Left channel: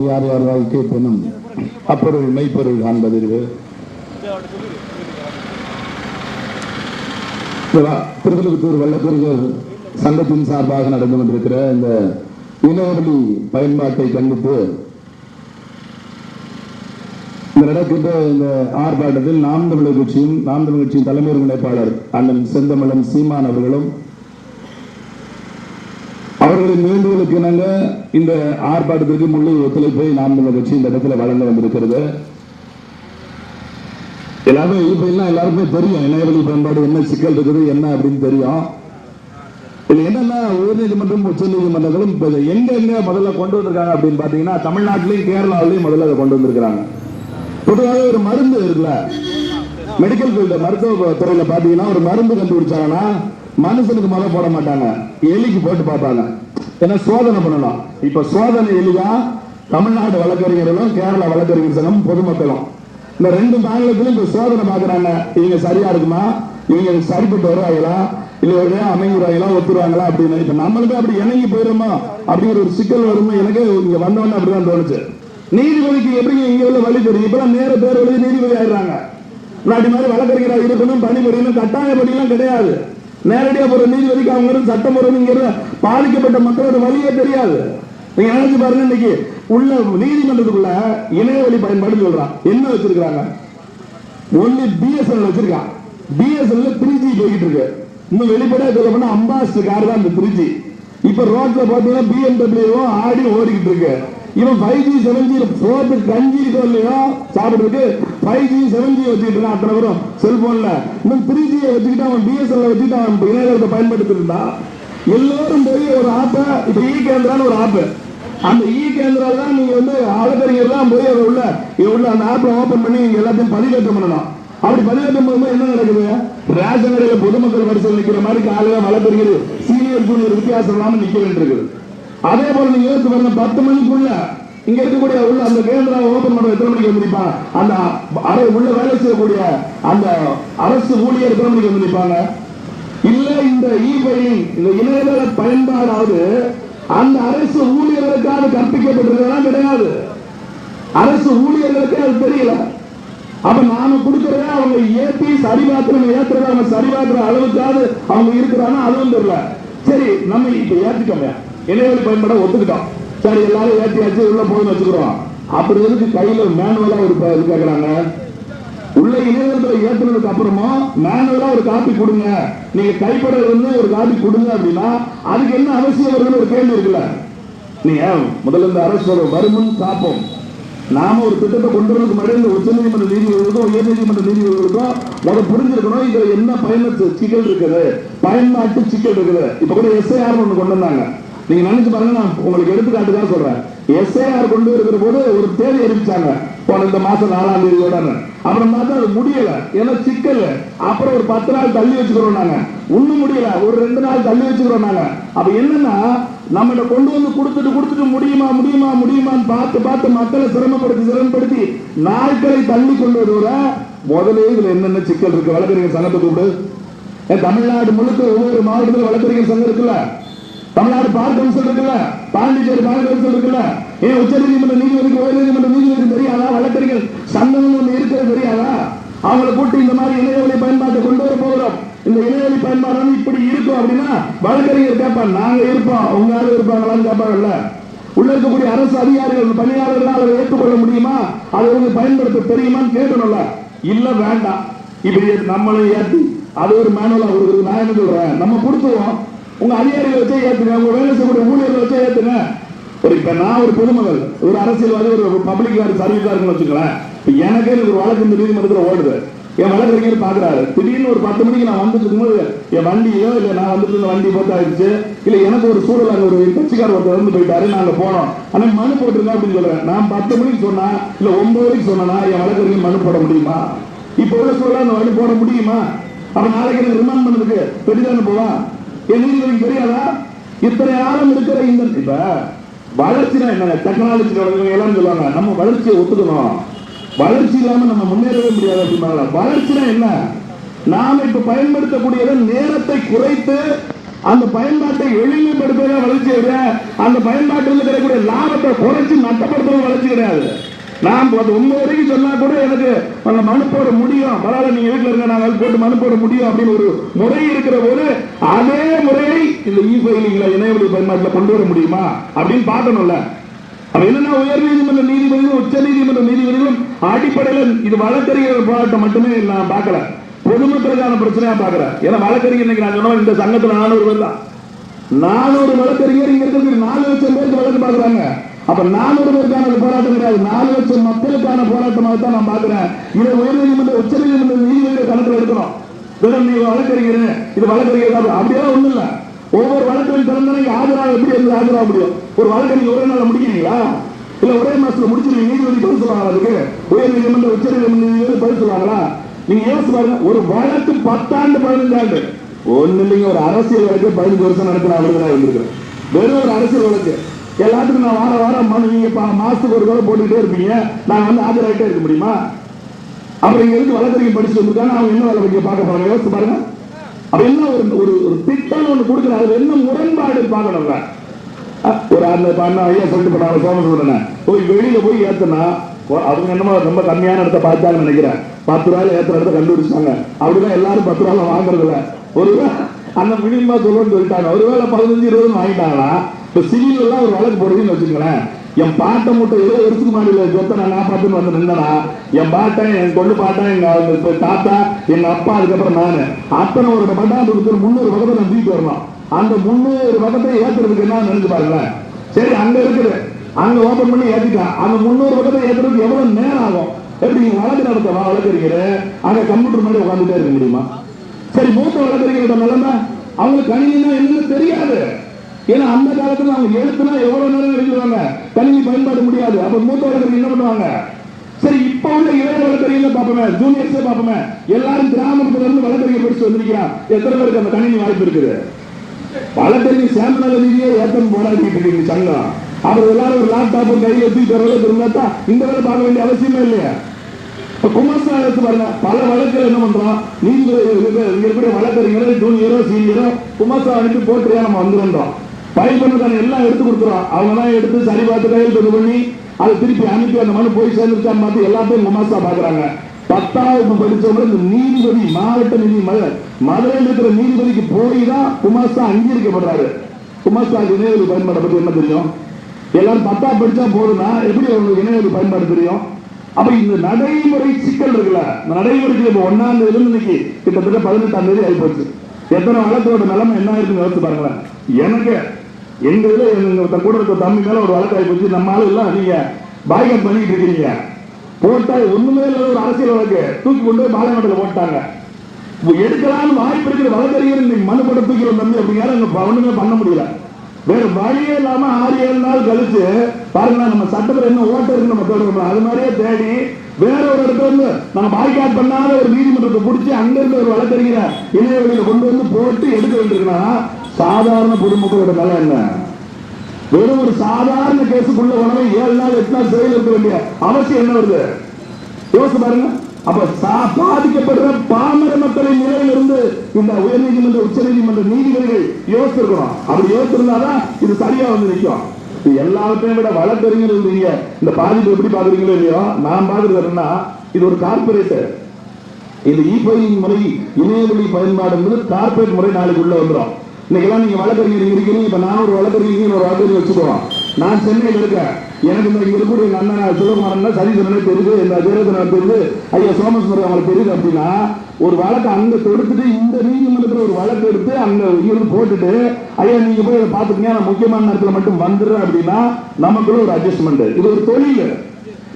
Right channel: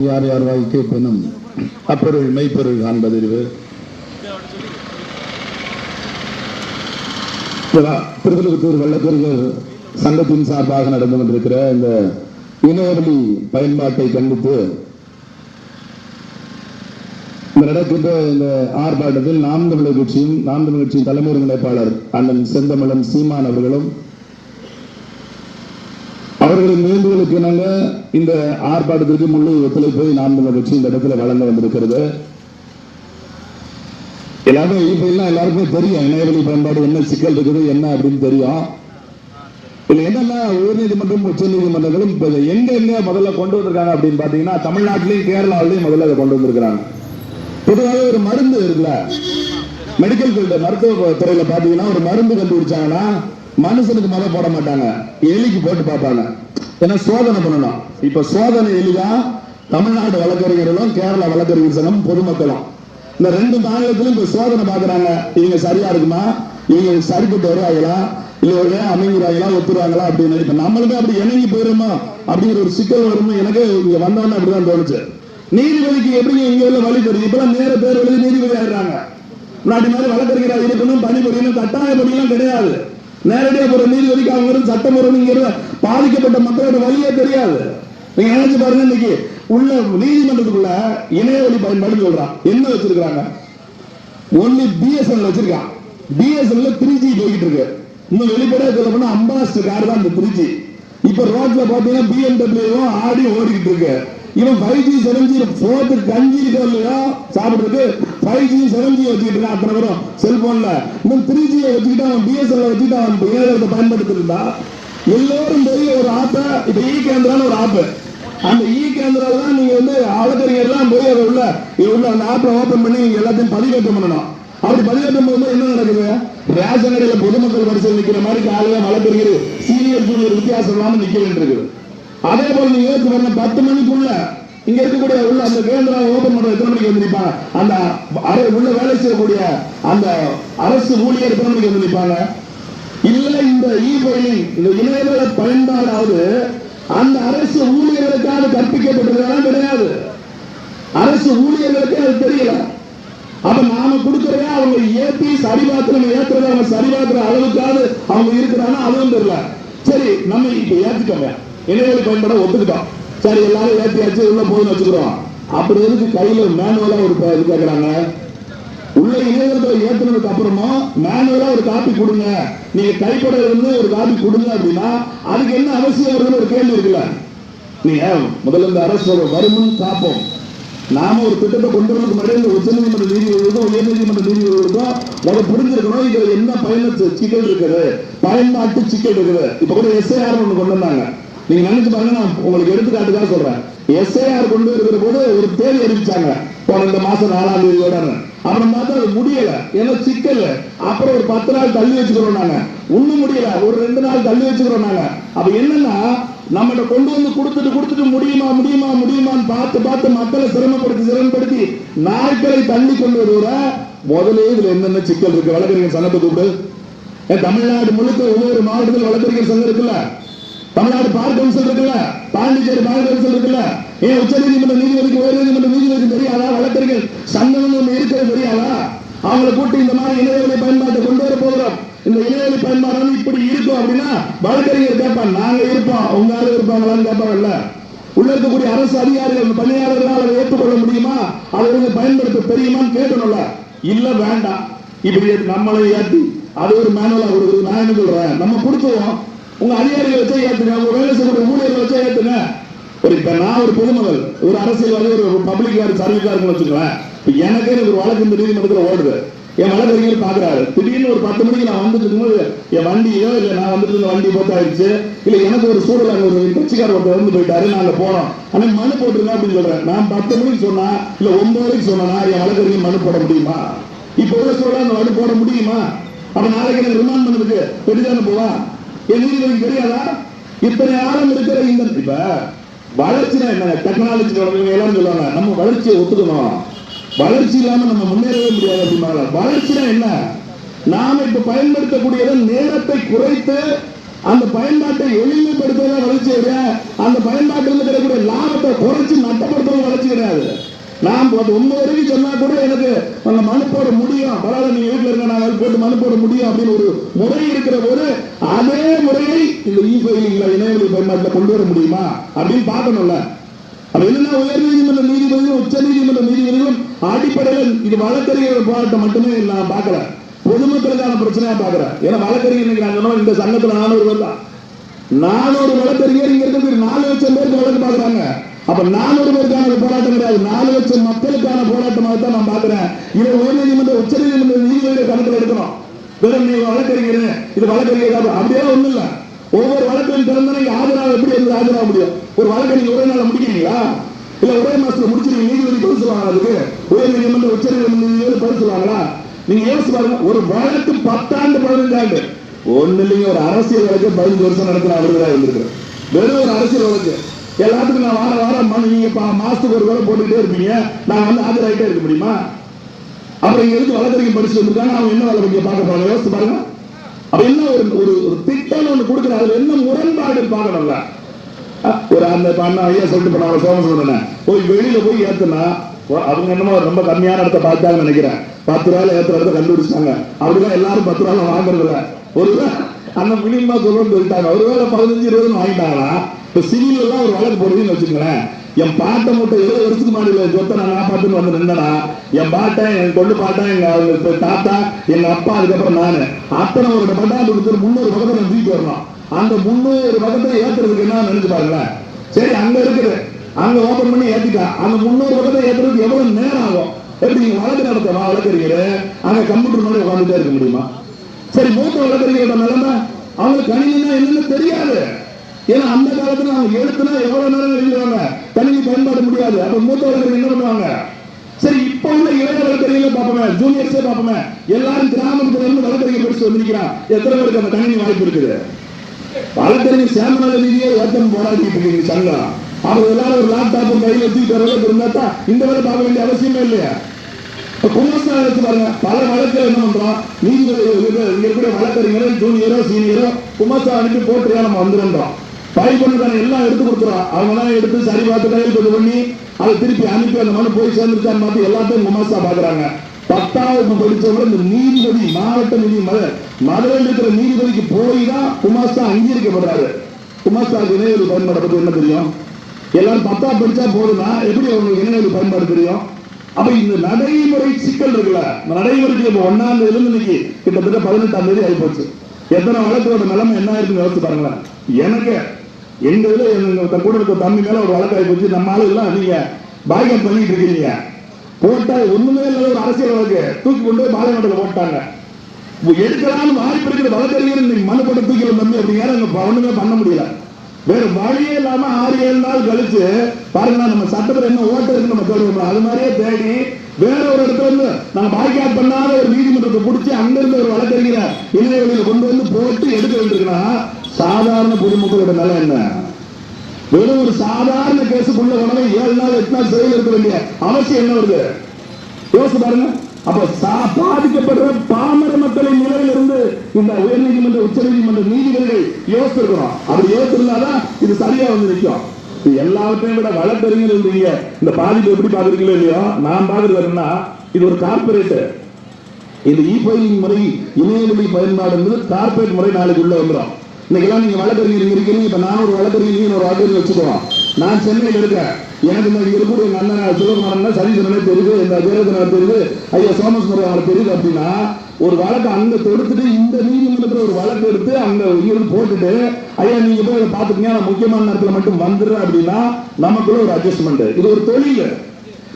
யார் யார் வாழ்க்கை பெண்ணும் அப்பொருள் மெய்ப்பொருள் காண்பதறிவு திருவள்ளுவத்தூர் வல்லக்கர்கள் சங்கத்தின் சார்பாக நடந்து கொண்டிருக்கிற இந்த இணையவழி பயன்பாட்டை கண்டித்து இந்த நடக்கின்ற இந்த ஆர்ப்பாட்டத்தில் நாம் தமிழர் கட்சியும் நாம் தமிழர் கட்சியின் தலைமை ஒருங்கிணைப்பாளர் அண்ணன் செந்தமிழன் சீமான் அவர்களும் அவர்களின் வேண்டுதலுக்கு இணங்க இந்த ஆர்ப்பாட்டத்திற்கு முழு ஒத்துழைப்பை நாம் நம்ம கட்சி இந்த இடத்துல வழங்க வந்திருக்கிறது. எல்லாமே இப்ப எல்லாம் எல்லாருக்குமே தெரியும். இணையவழி பயன்பாடு என்ன சிக்கல் இருக்குது என்ன அப்படின்னு தெரியும். இதுல என்னன்னா உயர்நீதிமன்றம் உச்ச நீதிமன்றங்களும் இப்ப எங்க எங்க முதல்ல கொண்டு வந்திருக்காங்க அப்படின்னு பாத்தீங்கன்னா தமிழ்நாட்டிலையும் கேரளாவிலையும் முதல்ல அதை கொண்டு வந்திருக்கிறாங்க. பொதுவாக ஒரு மருந்து இருக்குல்ல? மெடிக்கல் ஃபீல்டு மருத்துவ துறையில பாத்தீங்கன்னா ஒரு மருந்து கண்டுபிடிச்சாங்கன்னா மனுஷனுக்கு முதல்ல போட மாட்டாங்க. எலிக்கு போட்டு பார்ப்பாங்க. ஏன்னா சோதனை பண்ணணும். இப்ப சோதனை எளிதா தமிழ்நாடு வழக்கறிஞர்களும் கேரளா வழக்கறிஞர் சங்கம் பொதுமக்களும். இந்த ரெண்டு மாநிலத்திலும் இப்ப சோதனை பாக்குறாங்க இவங்க சரியா இருக்குமா? இவங்க சரிப்பட்டு வருவாங்களா இல்ல ஒரு அமைங்கிறாங்களா ஒத்துருவாங்களா அப்படின்னு இப்ப நம்மளுக்கு அப்படி இணங்கி போயிருமோ? அப்படிங்கிற ஒரு சிக்கல் வருமோ? எனக்கு இங்க வந்தவொடனே அப்படிதான் தோணுச்சு. நீதிபதிக்கு எப்படி இங்க உள்ள வழி தெரியும்? இப்பெல்லாம் நேர பேர் வழி நீதிபதி ஆயிடுறாங்க. முன்னாடி மாதிரி வழக்கறிஞர் இருக்கணும் பணிபுரியணும் கட்டாய பணியெல்லாம் கிடையாது. நேரடியா போற நீதிபதிக்கு அவங்க இருந்து சட்டம் போறதுங்கிறது பாதிக்கப்பட்ட மக்களோட வழியே தெரியாது. நீங்க நினைச்சு பாருங்க இன்னைக்கு உள்ள நீதிமன்றத்துக்குள்ள இணையவழி பயன்பாடு சொல்றான். என்ன வச்சிருக்காங்க ஒண்ணு பிஎஸ்என்எல் வச்சிருக்கான். பிஎஸ்என்எல் த்ரீ ஜி போய்கிட்டு இருக்கு. இன்னும் வெளிப்படையா சொல்ல போனா அம்பாஸ்டர் கார் தான் இந்த த்ரீ ஜி இப்ப ரோட்ல பாத்தீங்கன்னா பிஎம்டபிள்யூ ஆடி ஓடிக்கிட்டு இருக்கு. இவன் ஃபைவ் ஜி செவன் ஜி போட்டு கஞ்சி இருக்கோ இல்லையா சாப்பிடுறதுக்கு ஃபைவ் ஜி செவன் ஜி வச்சுக்கிட்டு அத்தனை பேரும் செல்போன்ல இன்னும் த்ரீ ஜி வச்சுக்கிட்டு அவன் பிஎஸ்என்எல் வச்சுக்கிட்டு அவன் ஏழை பயன்படுத்திட்டு இருந்தா எல்லோரும் போய் ஒரு ஆப்பை இப்ப e இ கேந்திரான ஒரு ஆப்பு அந்த e இ கேந்திரா தான் நீங்க வந்து ஆளுக்கறிஞர்லாம் போய் அதை உள்ள இது உள்ள அந்த ஆப்பை ஓபன் பண்ணி நீங்க எல்லாத்தையும் பதிவேற்றம் பண்ணணும். அப்படி பதிவேற்றம் பண்ணும்போது என்ன நடக்குது? ரேஷன் கடையில பொதுமக்கள் வரிசையில் நிற்கிற மாதிரி காலையில் மழை பெறுகிறது சீனியர் ஜூனியர் வித்தியாசம் இல்லாமல் நிற்க வேண்டியிருக்குது அதே போல நீங்க யோசிச்சு பாருங்க பத்து மணிக்குள்ள இங்க இருக்கக்கூடிய உள்ள அந்த கேந்திரா ஓபன் பண்ற எத்தனை மணிக்கு வந்து அந்த அறை உள்ள வேலை செய்யக்கூடிய அந்த அரசு ஊழியர் எத்தனை மணிக்கு வந்திருப்பாங்க? இல்ல இந்த இ ஃபைலிங் இந்த இணையதள பயன்பாடாவது அந்த அரசு ஊழியர்களுக்காக கற்பிக்கப்பட்டிருக்கிறதா கிடையாது. அரசு ஊழியர்களுக்கு அது தெரியல. அப்ப நாம கொடுக்கறத அவங்க ஏத்தி சரி பார்த்து ஏத்துறத அவங்க சரி அளவுக்காவது அவங்க இருக்கிறாங்க அதுவும் தெரியல. சரி நம்ம இப்ப ஏத்திட்டோங்க இணையவழி பயன்பட ஒத்துக்கிட்டோம் சரி எல்லாரும் ஏத்தியாச்சு உள்ள போய் வச்சுக்கிறோம். அப்படி இருந்து கையில மேனுவலா ஒரு இது கேக்குறாங்க? உள்ள இணையதளத்துல ஏத்துனதுக்கு அப்புறமா மேனுவலா ஒரு காப்பி கொடுங்க. நீங்க கைப்பட இருந்து ஒரு காப்பி கொடுங்க அப்படின்னா அதுக்கு என்ன அவசியம் வருதுன்னு ஒரு கேள்வி இருக்குல்ல. நீங்க முதல்ல இந்த அரசு ஒரு வருமுன் காப்போம் நாம ஒரு திட்டத்தை கொண்டு வரதுக்கு முன்னாடி உச்ச நீதிமன்ற நீதிபதிகளுக்கும் உயர்நீதிமன்ற நீதிபதிகளுக்கும் நம்ம புரிஞ்சிருக்கணும் இதுல என்ன பயணத்து சிக்கல் இருக்குது. பயன்பாட்டு சிக்கல் இருக்குது. இப்ப கூட எஸ்ஐஆர் ஒண்ணு கொண்டு வந்தாங்க. நீங்க நினைச்சு பாருங்க நான் உங்களுக்கு எடுத்துக்காட்டுக்காக சொல்றேன். எஸ்ஐஆர் கொண்டு இருக்கிற போது ஒரு தேதி அறிவிச்சாங்க. போன இந்த மாசம் நாலாம் தேதியோட அப்புறம் பார்த்தா அது முடியல. ஏன்னா சிக்கல் அப்புறம் ஒரு பத்து நாள் தள்ளி வச்சுக்கிறோம் நாங்க. ஒண்ணும் முடியல. ஒரு ரெண்டு நாள் தள்ளி வச்சுக்கிறோம் நாங்க. அப்ப என்னன்னா நம்மகிட்ட கொண்டு வந்து கொடுத்துட்டு கொடுத்துட்டு முடியுமா முடியுமா முடியுமான்னு பார்த்து பார்த்து மக்களை சிரமப்படுத்தி சிரமப்படுத்தி நாட்களை தள்ளி கொண்டு வருவத முதலே இதுல என்னென்ன சிக்கல் இருக்கு? வழக்கறிஞர் சங்கத்தை கூப்பிடு. தமிழ்நாடு முழுக்க ஒவ்வொரு மாவட்டத்தில் வழக்கறிஞர் சங்கம் இருக்குல்ல? தமிழ்நாடு பார் கவுன்சில் இருக்குல்ல பாண்டிச்சேரி பார் இருக்குல்ல ஏன் உச்ச நீதிமன்ற நீதிபதி உயர் நீதிமன்ற நீதிபதி தெரியாதா வழக்கறிஞர் சங்கம் ஒண்ணு இருக்கிறது தெரியாதா அவங்களை கூட்டி இந்த மாதிரி இணையவழி பயன்பாட்டை கொண்டு வர போகிறோம். இந்த இணையவழி பயன்பாடு இப்படி இருக்கும் அப்படின்னா வழக்கறிஞர் கேட்பான் நாங்க இருப்போம் உங்க ஆளு இருப்பாங்களான்னு கேட்பாங்கல்ல உள்ள இருக்கக்கூடிய அரசு அதிகாரிகள் பணியாளர்களால் அதை ஏற்றுக்கொள்ள முடியுமா? அதை வந்து பயன்படுத்த தெரியுமான்னு கேட்கணும்ல. இல்ல வேண்டாம். இப்படி நம்மளை ஏற்றி அது ஒரு மேனுவலா ஒரு நான் சொல்றேன். நம்ம கொடுத்துருவோம். உங்க அதிகாரிகளை வச்சே ஏத்துங்க உங்க வேலை செய்யக்கூடிய ஊழியர்கள் வச்சே ஏத்துங்க. ஒரு இப்ப நான் ஒரு பொதுமகள் ஒரு அரசியல்வாதி ஒரு பப்ளிக் கார்டு சர்வீஸ் வச்சுக்கலாம் இப்ப எனக்கே எனக்கு ஒரு வழக்கு இந்த நீதிமன்றத்தில் ஓடுது. என் வழக்கறிஞர் பாக்குறாரு திடீர்னு ஒரு பத்து மணிக்கு நான் வந்துட்டு இருக்கும்போது என் வண்டியோ இல்ல நான் வந்துட்டு இருந்த வண்டி போட்டு ஆயிடுச்சு இல்ல எனக்கு ஒரு சூழல் அங்க ஒரு கட்சிக்கார ஒருத்தர் வந்து போயிட்டாரு நாங்க போனோம். ஆனா மனு போட்டுருங்க அப்படின்னு சொல்றேன். நான் பத்து மணிக்கு சொன்னா இல்ல ஒன்பது மணிக்கு சொன்னா என் வழக்கறிஞர் மனு போட முடியுமா? இப்ப உள்ள சூழல் அந்த மனு போட முடியுமா? அப்ப நாளைக்கு எனக்கு ரிமாண்ட் பண்ணதுக்கு பெரிதான போவா? என் தெரியாதா இத்தனை ஆழம் இருக்கிற இந்த இப்ப வளர்ச்சினா என்ன டெக்னாலஜி எல்லாம் சொல்லுவாங்க நம்ம வளர்ச்சியை ஒத்துக்கணும். வளர்ச்சி இல்லாம நம்ம முன்னேறவே முடியாது அப்படின்னாங்க வளர்ச்சினா என்ன? நாம இப்ப பயன்படுத்தக்கூடியத நேரத்தை குறைத்து அந்த பயன்பாட்டை எளிமைப்படுத்துவதே வளர்ச்சி கிடையாது அந்த பயன்பாட்டில் கிடைக்கக்கூடிய லாபத்தை குறைச்சு நட்டப்படுத்துறது வளர்ச்சி கிடையாது. நான் அது ஒன்பது வரைக்கும் சொன்னா கூட எனக்கு அந்த மனு போட முடியும். பரவாயில்ல நீங்க வீட்டுல இருக்க நாங்கள் போட்டு மனு போட முடியும் அப்படின்னு ஒரு முறை இருக்கிற போது அதே முறையை இந்த இ ஃபைலிங்ல இணையவழி பயன்பாட்டில் கொண்டு வர முடியுமா அப்படின்னு பார்க்கணும்ல. அப்ப என்னன்னா உயர் நீதிமன்ற நீதிபதிகளும் உச்ச நீதிமன்ற நீதிபதிகளும் அடிப்படையில் இது வழக்கறிஞர் போராட்டம் மட்டுமே நான் பார்க்கல. பொதுமக்களுக்கான பிரச்சனையா பாக்குறேன் ஏன்னா வழக்கறிஞர் இன்னைக்கு நான் சொன்னோம் இந்த சங்கத்துல நானூறு பேர் தான். நானூறு வழக்கறிஞர் இங்க இருக்கிறது நாலு லட்சம் பேருக்கு வழக்கு பாக்குறாங்க அப்ப நாலு பேருக்கான போராட்டம் கிடையாது. நாலு லட்சம் மக்களுக்கான போராட்டமாக தான் நான் பாக்குறேன் இதை உயர் நீதிமன்ற உச்ச நீதிமன்ற நீதிபதியை கணக்கில் எடுக்கணும். வெறும் நீ வழக்கறிஞர் இது வழக்கறிஞர் அப்படியே ஒண்ணும் இல்ல. ஒவ்வொரு வழக்கின் திறந்தனைக்கு ஆஜராக எப்படி இருந்து ஆஜராக முடியும்? ஒரு வழக்கறிஞர் ஒரே நாள் முடிக்கிறீங்களா? இல்ல ஒரே மாசத்துல முடிச்சு நீதிபதி பதில் சொல்லுவாங்க அதுக்கு? உயர் நீதிமன்ற உச்ச நீதிமன்ற பதில் சொல்லுவாங்களா? நீங்க யோசிச்சு பாருங்க. ஒரு வழக்கு பத்தாண்டு பதினஞ்சு ஆண்டு. ஒண்ணு இல்லைங்க. ஒரு அரசியல் வழக்கு பதினஞ்சு வருஷம் நடக்கிற அழுகிறா இருந்திருக்கிறேன் வெறும் ஒரு அரசியல் வழக்கு. எல்லாத்துக்கும் நான் வார வாரம் நீங்க மாசத்துக்கு ஒரு தடவை போட்டுக்கிட்டே இருப்பீங்க. நான் வந்து ஆஜராகிட்டே இருக்க முடியுமா? அப்புறம் இங்க இருந்து வழக்கறிஞர் படிச்சு வந்திருக்காங்க அவங்க என்ன வழக்கறிஞர் பார்க்க போறாங்க. யோசிச்சு பாருங்க. அப்ப என்ன ஒரு ஒரு திட்டம் ஒண்ணு கொடுக்குறாங்க அதுல என்ன முரண்பாடு பார்க்கணுங்க ஒரு அந்த இப்ப அண்ணா ஐயா சொல்லிட்டு போனாங்க சோமசுந்தரன் போய் வெளியில போய் ஏத்துனா அவங்க என்னமோ ரொம்ப கம்மியான இடத்த பார்த்தாங்கன்னு நினைக்கிறேன். பத்து ரூபாயில ஏத்துற இடத்த கண்டுபிடிச்சாங்க அப்படிதான் எல்லாரும் பத்து ரூபாய் வாங்குறது ஒரு அந்த மினிமா சொல்லணும்னு சொல்லிட்டாங்க. ஒருவேளை பதினஞ்சு இருபது வாங்கிட்டாங்கன்னா இப்ப சிவில் ஒரு வழக்கு போடுறதுன்னு வச்சுங்களேன் என் பாட்டை மட்டும் ஏதோ வருஷத்துக்கு முன்னாடி சொத்தை நான் காப்பாத்துன்னு வந்து நின்றனா என் பாட்டன் என் கொண்டு பாட்டன் எங்க தாத்தா எங்க அப்பா அதுக்கப்புறம் நானு. அத்தனை ஒரு பட்டாண்டு கொடுத்து முந்நூறு பக்கத்தை நான் தூக்கிட்டு வரணும். அந்த முந்நூறு பக்கத்தை ஏத்துறதுக்கு என்ன நினைச்சு பாருங்களேன். சரி அங்க இருக்குது. அங்க ஓபன் பண்ணி ஏத்திட்டான். அந்த முந்நூறு பக்கத்தை ஏத்துறதுக்கு எவ்வளவு நேரம் ஆகும்? எப்படி நீங்க வழக்கு நடத்தணும் வழக்கறிஞர் அங்க கம்ப்யூட்டர் மாதிரி உட்காந்துட்டே இருக்க முடியுமா? சரி மூத்த வழக்கறிஞர் நிலைமை அவங்களுக்கு கணினி என்னன்னு தெரியாது. ஏன்னா அந்த காலத்துல அவங்க எழுத்துனா எவ்வளவு நேரம் எழுதுவாங்க? கல்வி பயன்பட முடியாது. அப்ப மூத்தவர்கள் என்ன பண்ணுவாங்க? சரி இப்ப உள்ள இளைஞர்கள் வழக்கறிஞர் பார்ப்போமே ஜூனியர்ஸே பார்ப்போமே. எல்லாரும் கிராமத்துல இருந்து வழக்கறிஞர் படிச்சு வந்திருக்கிறான் எத்தனை பேருக்கு அந்த கணினி வாய்ப்பு இருக்குது? வழக்கறிஞர் சேமல ரீதியா ஏத்தம் போராடிட்டு இருக்கு சங்கம். அவர் எல்லாரும் ஒரு லேப்டாப் கையில் வச்சு அளவுக்கு இருந்தா இந்த வேலை பார்க்க வேண்டிய அவசியமே இல்லையா? இப்ப பாருங்க பல வழக்கு என்ன பண்றோம் நீங்க இங்க இருக்கக்கூடிய ஜூனியரோ சீனியரோ குமாரசாமிக்கு போட்டு நம்ம வந்துருந்தோம் ஃபைல் எல்லாம் எடுத்து கொடுக்குறோம் அவங்க எல்லாம் எடுத்து சரி பார்த்து கையெழுத்து பண்ணி அதை திருப்பி அனுப்பி அந்த மனு போய் சேர்ந்துருக்கான்னு பார்த்து எல்லாத்தையும் குமாசா பாக்குறாங்க. பத்தாவது படிச்சவங்க இந்த நீதிபதி மாவட்ட நீதி மதுரை மதுரையில் இருக்கிற நீதிபதிக்கு போய் தான் குமாஸ்தா அங்கீகரிக்கப்படுறாரு. குமாஸ்தா இணையவழி பயன்பாடு பத்தி என்ன தெரியும்? எல்லாரும் பத்தா படிச்சா போதுன்னா எப்படி அவங்களுக்கு இணையவழி பயன்பாடு தெரியும்? அப்ப இந்த நடைமுறை சிக்கல் இருக்குல்ல நடைமுறைக்கு இப்ப ஒன்னாம் தேதி இன்னைக்கு கிட்டத்தட்ட பதினெட்டாம் தேதி ஆகி போச்சு எத்தனை வழக்கோட நிலைமை என்ன இருக்குன்னு யோசிச்சு பாருங்களேன். எனக்கு எங்க இதுல எங்க கூட இருக்க தம்பி மேல ஒரு வழக்காய் போச்சு. நம்ம ஆளு எல்லாம் நீங்க பாக்கியம் பண்ணிட்டு இருக்கீங்க. போட்டா ஒண்ணுமே இல்லாத ஒரு அரசியல் வழக்கு. தூக்கி கொண்டு போய் பாளையமேட்டில் போட்டாங்க. எடுக்கலாம் வாய்ப்பு இருக்கிற வழக்கறிஞர் இன்னைக்கு மனப்பட போட்டு தூக்கி தம்பி அப்படிங்கிற ஒண்ணுமே பண்ண முடியல. வேற வழியே இல்லாம ஆறு ஏழு நாள் கழிச்சு பாருங்க நம்ம சட்டத்துல என்ன ஓட்ட இருக்கு நம்ம தேர்வு அது மாதிரியே தேடி வேற ஒரு இடத்துல இருந்து நம்ம பாய்காட் பண்ணாத ஒரு நீதிமன்றத்தை பிடிச்சி அங்க இருந்து ஒரு வழக்கறிஞரை இளைஞர்களை கொண்டு வந்து போட்டு எடுக்க வேண்டியிருக்கா சாதாரண பொதுமக்களோட நிலை என்ன? வெறும் ஒரு சாதாரண கேஸுக்குள்ள உடனே ஏழு நாள் எட்டு நாள் சிறையில் இருக்க வேண்டிய அவசியம் என்ன வருது? யோசிச்சு பாருங்க. அப்ப பாதிக்கப்படுற பாமர மக்களின் நிலையில இருந்து இந்த உயர்நீதிமன்ற உச்ச நீதிமன்ற நீதிபதிகள் யோசிச்சிருக்கிறோம் அப்படி யோசிச்சிருந்தாதான் இது சரியா வந்து நிற்கும். இது எல்லாத்தையும் விட வழக்கறிஞர் இருந்தீங்க. இந்த பாதிப்பு எப்படி பாக்குறீங்களோ இல்லையோ நான் பாக்குறதுன்னா இது ஒரு கார்பரேட் இந்த இ ஃபைலிங் முறை இணையவழி பயன்பாடு என்பது கார்பரேட் முறை நாளைக்கு உள்ள வந்துடும். இன்னைக்கெல்லாம் நீங்க வழக்கறிஞர் இருக்கீங்க இப்ப நான் ஒரு வழக்கறிஞர் ஒரு வழக்கறிஞர் வச்சுக்கிறோம் நான் சென்னையில் இருக்கேன். எனக்கு இந்த இங்க இருக்கக்கூடிய எங்க அண்ணன் சிவகுமாரன் சரிசனே தெரியுது. இந்த வீரதனர் தெரியுது ஐயா சோமசுந்தரம் அவங்களுக்கு தெரியுது அப்படின்னா ஒரு வழக்கு அங்க தொடுத்துட்டு இந்த நீதிமன்றத்தில் ஒரு வழக்கு எடுத்து அங்க இருந்து போட்டுட்டு ஐயா நீங்க போய் பார்த்துக்கீங்க. பாத்துக்கீங்க நான் முக்கியமான நேரத்தில் மட்டும் வந்துடுறேன் அப்படின்னா நமக்குள்ள ஒரு அட்ஜஸ்ட்மெண்ட் இது ஒரு தொழில்.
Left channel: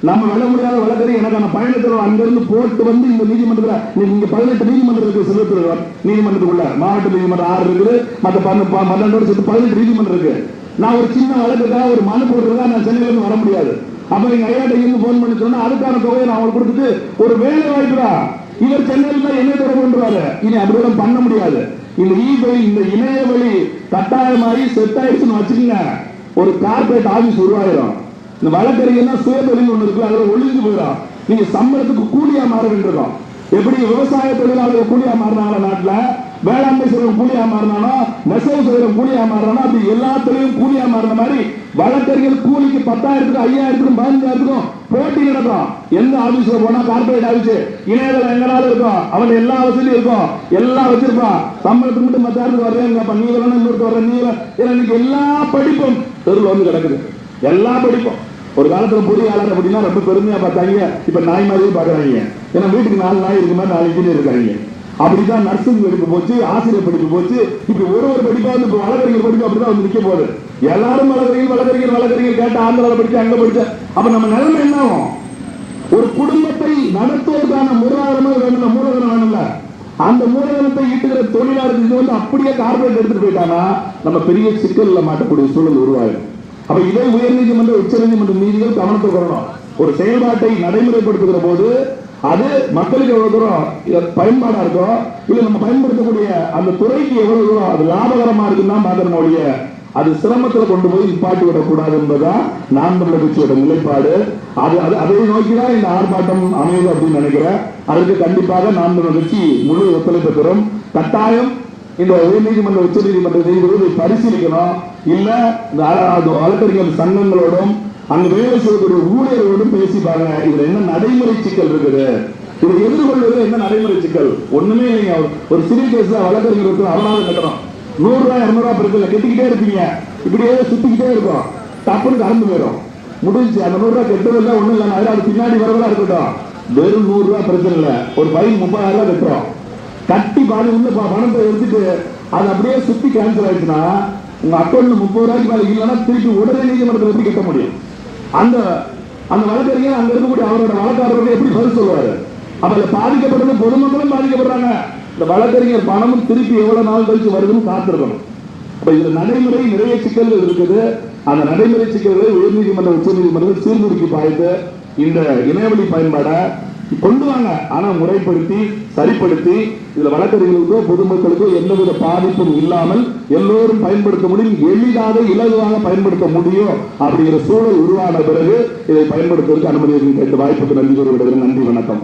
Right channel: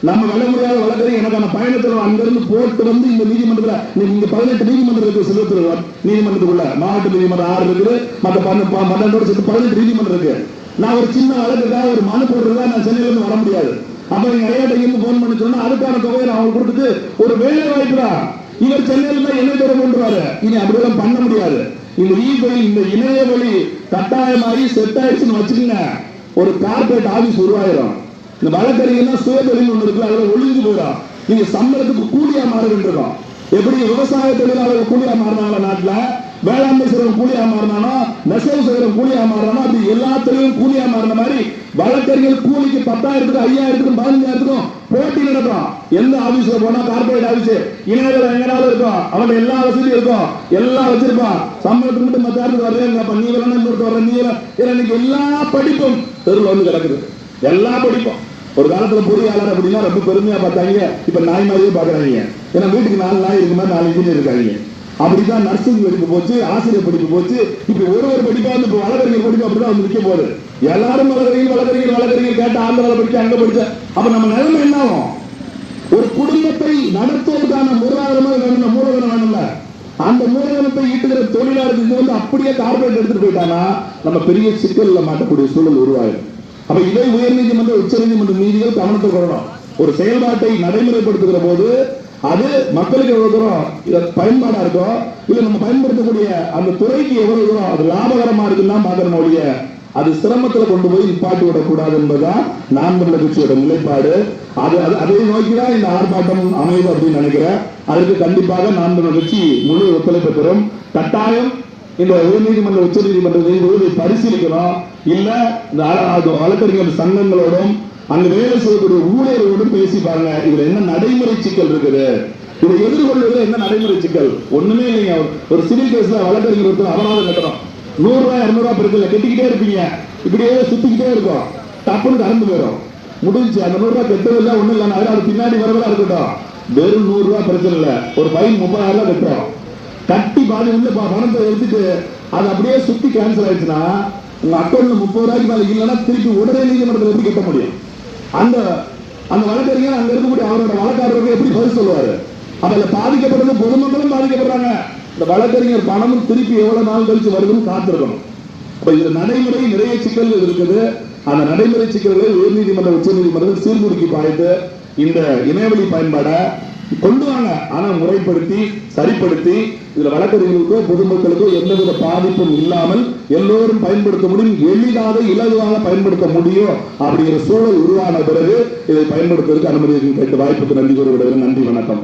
நம்ம வெல்ல முடியாத வழக்கத்தை எனக்கான பயணத்தில் அங்கிருந்து போட்டு வந்து இந்த நீதிமன்றத்தில் நீ- நீங்க பதினெட்டு நீதிமன்றம் இருக்கு நீதிமன்றத்துக்குள்ள மாவட்ட நீதிமன்றம் ஆறு இருக்குது. மற்ற பன்னெண்டு சேர்த்து பதினெட்டு நீதிமன்றம் இருக்கு. நான் ஒரு சின்ன வழக்குக்காக ஒரு மனு போட்டுருந்தா நான் சென்னையில வர முடியாது. அப்ப நீங்க ஐயாட்ட இருந்து போன் பண்ணி சொன்னா அதுக்கான தொகையை நான் அவங்களுக்கு கொடுத்து ஒரு வேலை வாய்ப்புடா. இவர் சென்னையில் தான் என்ன தொடர்பு கொண்டுவாரு இனி அப்படிலாம் பண்ண முடியாது. இந்த வழி இந்த இணைய வழி கட்டாயமாகி செட் ஆயிடுச்சுன்னு வச்சுக்கோங்க. ஒரு கார்பரேட் ஆபீஸ் உருவாயிரும். இந்த வழக்கறிஞர்னா சுயதொழில் ஒன்று இருக்கு அதுல ஒழுங்கு போயிடும். நீங்க சம்பளத்துக்கு கூலியா மாற எப்படி விவசாய தொழிலாளர்கள் கூலியா மாறினாங்க நாட்டுல? வேளாண்மை செய்யறவன் கூலியா மாறினானோ? நெசவு செய்யறவன் கூலியா மாறினானோ? அது எல்லாத்துலயும் கூலியா மாறின மாதிரி வழக்கறிஞர் கூலிக்கு பத்தாயிரத்துக்கும் ஐயாயிரத்துக்கும் பதினஞ்சாயிரத்துக்கும் போட்டி நடக்கும். எந்த ஆபீஸ்ல போனா கார்பரேட் ஆபீஸ் இணையதளம் எங்கனாலும் இருக்கும். அவங்க எல்லா வசதியும் இருக்கும். எல்லாம் வச்சிருப்பான். சம்பளத்துக்கு மட்டும் மத்தாயிரத்துக்கு வரேன் நீ வரணும் இன்னொருத்த வர நீ இன்னைக்கு எல்லா படிப்பும் தெருவில் வந்து கிடக்குது. எல்லா படிப்பும். ஒரு காலத்துல பொறியாளர் அப்படின்னா ரொம்ப பெருமையா பார்த்தாங்க இப்ப நாய் மாதிரி பாக்குறாங்க ஏன்னா வீட்டுக்கு நாலு நாய் இருக்கு மாதிரி நாலு இன்ஜினியர் இருக்காங்க. அப்படிதான் நர்சிங் படிக்க போச்சு ஆசிரியர் படிக்க போச்சு. இப்ப ஒரு ஒரு படிப்பா வந்து இப்ப வழக்கறிஞர் படிக்க அப்படிதான் வந்து நிக்க போகுது. எல்லாரும் வழக்கறிஞர் வழக்கறிஞர் வழக்கறிஞர் கேட்ட ஆந்திரால படிக்க அங்க படிச்ச அப்ப நம்ம நிலைமை என்ன ஆகும்? ஒரு குடும்பத்தை நடத்துவதற்கான மூலாதாரமாக வேணும் மூலதனம் வேணும்ல. அந்த மூலதனத்தை ஈட்டுகிற தொழிலாளர்கள் வந்து அப்படியே கார்பரேட் எடுத்துட்டு போயிட்டானா நம்ம பெரிய சிக்கல்ல மாட்டக்கூடிய சூழல் உருவாயிடும். அப்ப இதே உயர்நீதிமன்ற உச்சநீதிமன்ற நீதிகள் கவனத்தை கொள்ளணும். ஒரு செயல்பாட்டை நடைமுறைப்படுத்துகிற போது அது மக்களுக்கு எவ்வளவு தூரம் பயன்பாடா இருக்கோ இல்ல நம்ம பயன்படுத்தக்கூடிய அந்த துறைக்கு எவ்வளவு தூரம் அது லாபகரமா இருக்குன்னா பார்க்கணும் அது சிரமத்துல கொண்டு போய் நிப்பாட்டி விடக்கூடாது என்பதுதான் நாம் தமிழர் கட்சியோட நிலைப்பாடு. அது அது- அதை நோக்கிதான் இந்த ஆர்ப்பாட்டம் அமையுது அப்படின்னு நினைக்கிறேன். அதுக்கு கண்டிப்பாக நாம் தமிழர் கட்சி முழு ஒத்துழைப்பு பெறும். கட்டாயம் இந்த உயர்நீதிமன்ற உச்ச நீதிமன்றத்தை நீதிபதி பரிசீலிக்கணும். இல்ல இந்த வழக்கறிஞர் சங்கங்களோடும் அங்க வேலை செய்யக்கூடிய ஊழியர்களோடும் பேசி பாருங்க. இதுல என்ன நடைமுறை சிக்கல் இருக்குது? இதை எதிர்கொள்வது என்ன நடைமுறை சிக்கல்? ஒண்ணுமே இல்லைங்க. ஒரு சிறிய தான் வழக்கறிஞர் ஒருத்தர் அபராதம் கட்டணும். நூறு ரூபாய் இருநூறு ரூபாய் பிரச்சனை கட்டிக்கிட்டே இருப்பீங்க. இப்படியே சுத்திக்கிட்டே இருக்கும். டப்புன்னு கறந்து போயிடும். முடிஞ்சு அந்த நூறு ரூபாய் கெட்டதில்ல ஒண்ணும் இல்லாம அது பின்னாடி வரதா இருக்கட்டும். வெறும் நூறு ரூபாய் பிரச்சனை இல்ல ஒரு பையன் முப்பதாயிரம் ரூபாய் கட்டுறோம் கட்டி பாதி உள்ள பணத்தை எடுத்துட்டு அது அப்படியே சுத்தி கேன்சல் ஆயிடுச்சுன்னா உங்க அக்கௌண்ட்ல முப்பது ரூபாய்க்கு மேல இல்லைன்னா திருப்பி உடனே நீதிமன்றத்தில் எப்படி கட்ட முடியும். அந்த அந்த வழக்கறிஞர் அங்க இருக்கக்கூடிய அவரோட வழக்காரர்கள் எப்படி பதில் சொல்லுவாரு? அப்ப அதுல பாதிக்கப்படுறது பொதுமக்களும் பாதிக்கப்படுறாங்க. இந்த வழக்கறிஞர் பணமும் திருப்பி எவ்வளவு நாள் கழிச்சு வருதுன்னு காத்திருக்கணும். அப்ப இதுல நடைமுறை நிறைய சிக்கல்கள் இருக்குது. அந்த நடைமுறை சிக்கல்களை உயர்நீதிமன்ற உச்சநீதிமன்றம் சீர்தூக்கி பாய்ந்து இந்த இணையவழி பயன்பாடை கொண்டு வாங்க. ஆனா முறைப்படுத்தி சரிப்படுத்தி இதுல வழக்கறிஞர்களுக்கோ பொதுமக்களுக்கோ எந்தவித பாதிப்பும் இல்லாமல் எல்லோரும் பயன்படுத்த முடியும். எளிதாக இலகுவாக பயன்படுத்த முடியும் அப்படிங்கிற சூழல் உருவான பிறகு இதை பயன்படுத்துவதற்கு அனுமதி கேட்டு வாய்ப்புக்கு நன்றி கூறுகிறது நன்றி வணக்கம்.